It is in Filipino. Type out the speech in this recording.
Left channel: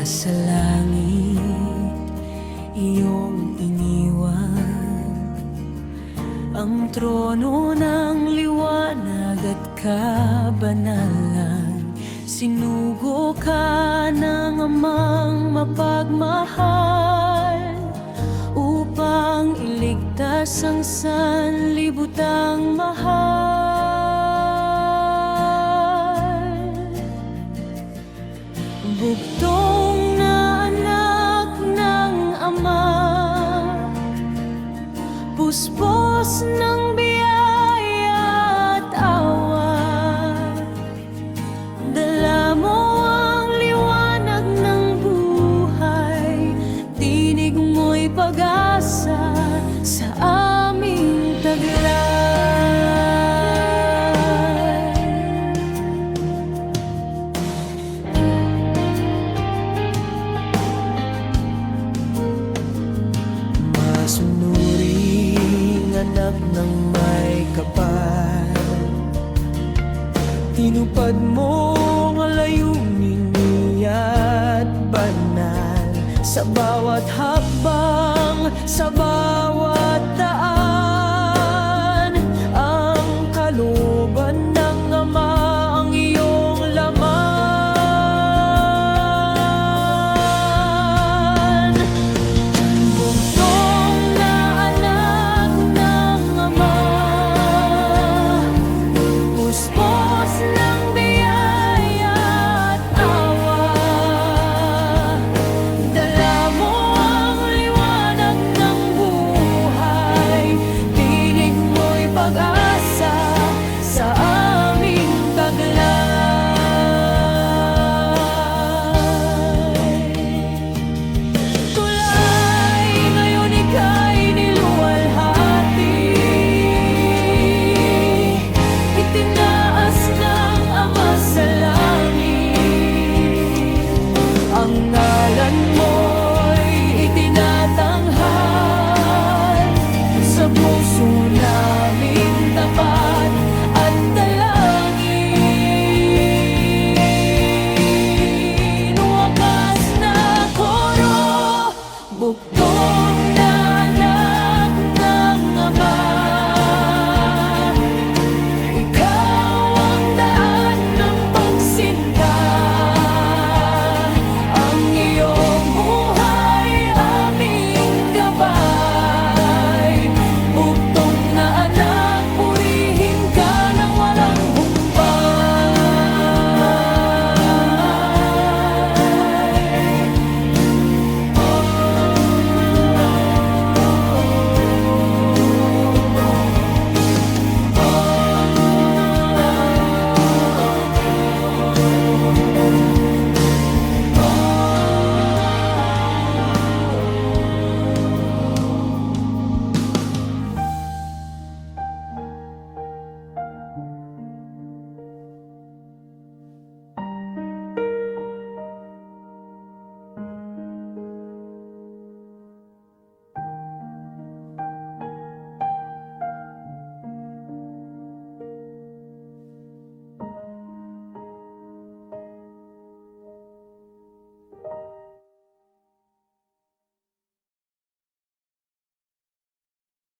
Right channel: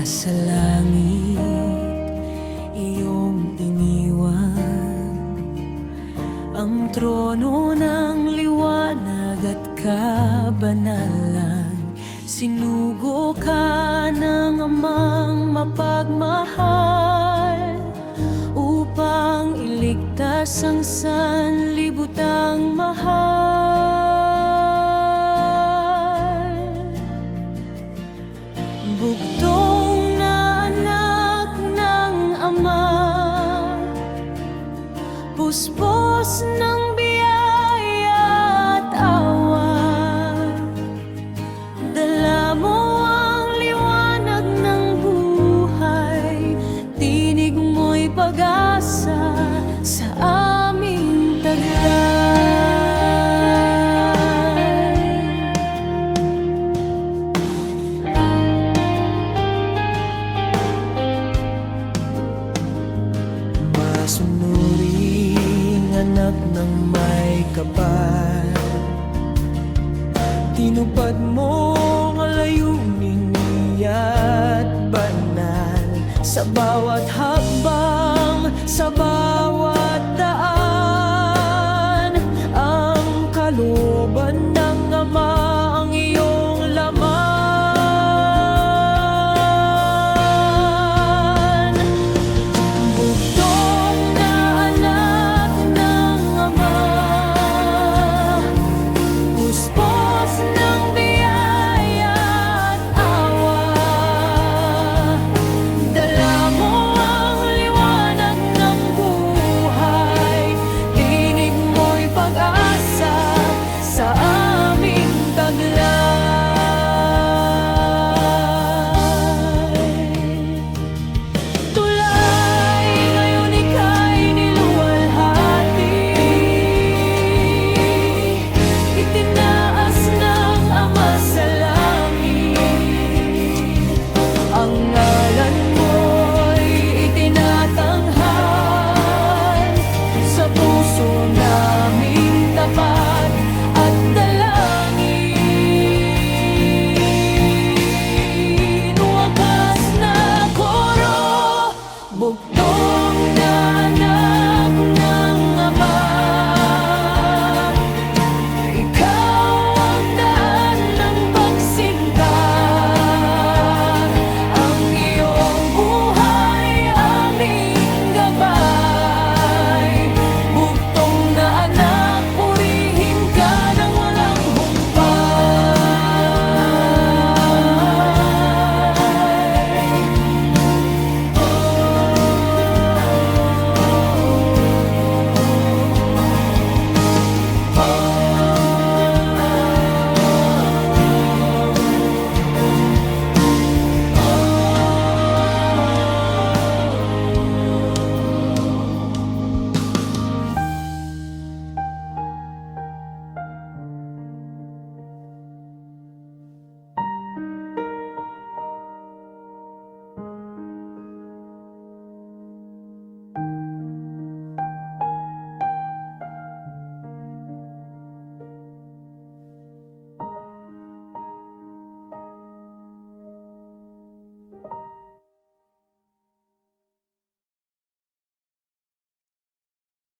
Nasa langit iyong iniwan. Ang trono ng liwanag at kabanalan. Sinugo ka ng amang mapagmahal Upang iligtas ang sanlibutang mahal. Ama Puspos ng biyaya at awa Dala mo ang liwanag ng buhay Tinig mo'y pag-asa sa aming taglay anak ng may kapal. Tinupad mo ang layunin niya't banal. Sa bawat hakbang, sa bawat puso namin tapat